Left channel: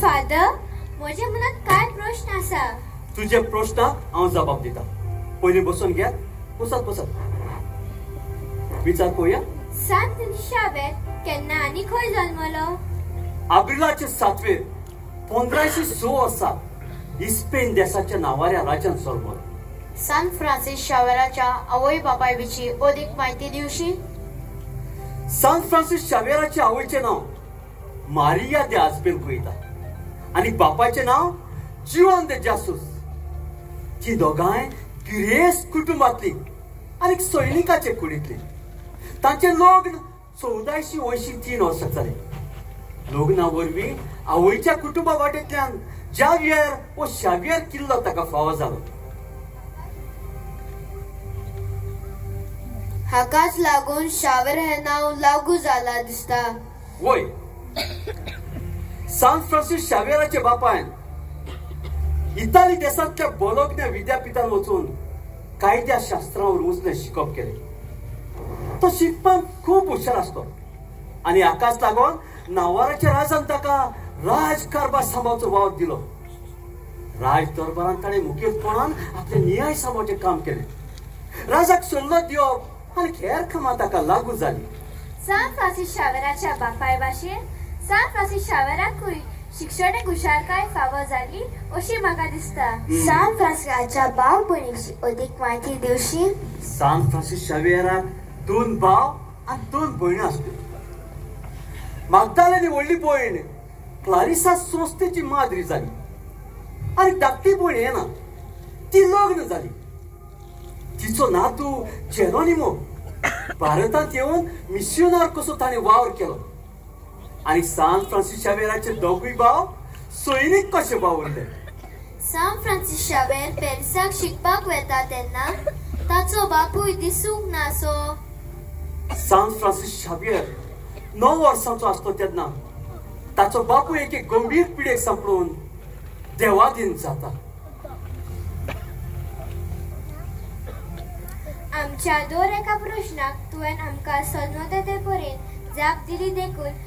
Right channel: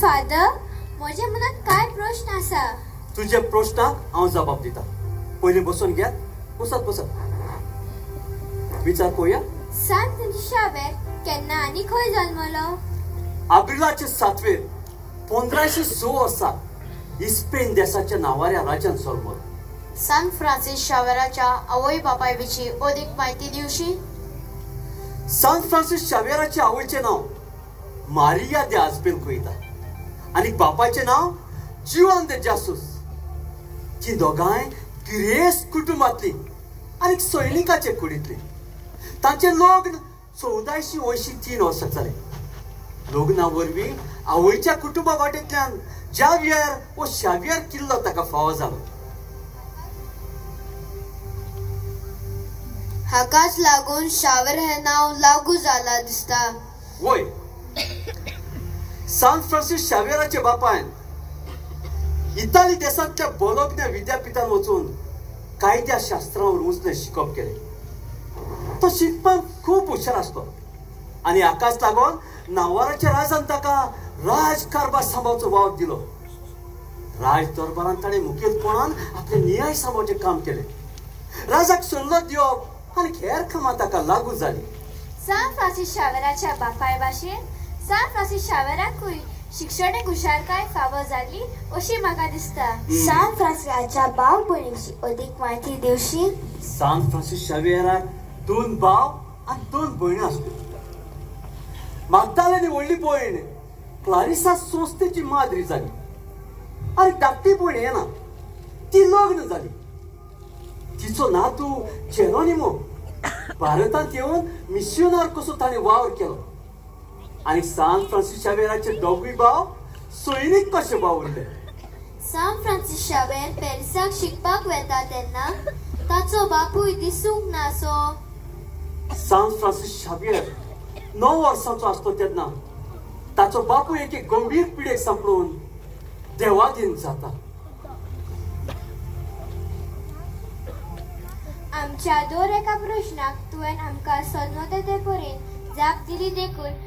Father, माझ्या मनात काय प्रश्न आसा? तुझे प्रश्नाक हांव जबाब दिता. पयलीं बसून घ्या. बसत विचार पळोवया. सांत शावेर केन्ना आनी खंय जल्मलो? अब्रिलाचे 7वेर 1506 वर्सा इस्पेन देशाच्या नावाऱ्या राज्यान जल्मलो. सांत फ्रांसीस शावेराच्या आवय बापाय विशीं अदीक म्हायती दिवशी? सांत फ्रांसीस शावेराच्या आवयचे नाव मारिया दे आझ्बेलकुएता आणि बापाचे नाव जुआन दे जासूस. ती दोगांय गिरेस कुटुंबातली आणि सैनिकाचे कुडीतली. तांचे लग्न 1483 वर्साक जाले. लग्ना वरवीं आवयच्या कुटुंबा वाटेंतल्यान जावियर व शावियर किल्लो ताका फावो जालो. हाकाच लागून शावेर हे नाव लागू जाला दिसता. वय, सांत फ्रांसीस शावेराचे बापायन इटाली देशांतल्या बोलोग्ना विद्यापीठान वचून कायद्या शास्त्रावर उजने शिकप केले. तो शिकपाक खूब हुशार आसलो आणि हाकाच लागून नावाराच्या राजान ताका राजकारभार सांबाळचो वावर दिलो. राज दरबारान ताणें मुखेलपणान आपले न्याय सांबाळचे काम केले. राजाक सल्लो दिवप आनी हेर कामां ताका लागू जाली. सांत फ्रांसीस शावेराच्या बापाय भाशेन सांत फ्रांसीस शावेराकूय शिक्षणीक हुशारकाय फावो जाली अशी म्हाका दिसता. सांत फ्रांसिसाच्या भाव भयणीची अदीक म्हायती दिवशी? सांत फ्रांसीस शावेराक 2 भाव आणि 2 भयणी आसल्यो. मागदालेनी व्हडली भयण क्लारिसा संस्थेची माद्री जाली आणि धाकटी भयण येना ती लग्न जाली. तिचो नातू जेरोनिमो भारतांत येवन मिशनर कसो ताणें वावर केलो आणि सांत फ्रांसीस शावेराचे दोगूय भाव सैनीक कशे वावरले. सांत फ्रांसीस शावेर पॅरिसाक शिकपाक वेता तेन्ना ताचो बापूय दिसूंक नासो. सांत फ्रांसीस शावेर 9 वर्सांचो आसलो तेन्ना ताचो बापूय एके गंभीर पिडेक सांपळून देवाधीन जाता. आमच्या दर एका प्रश्नाक तुवें आमकां सल्लो ते परेन जाप दिली देखून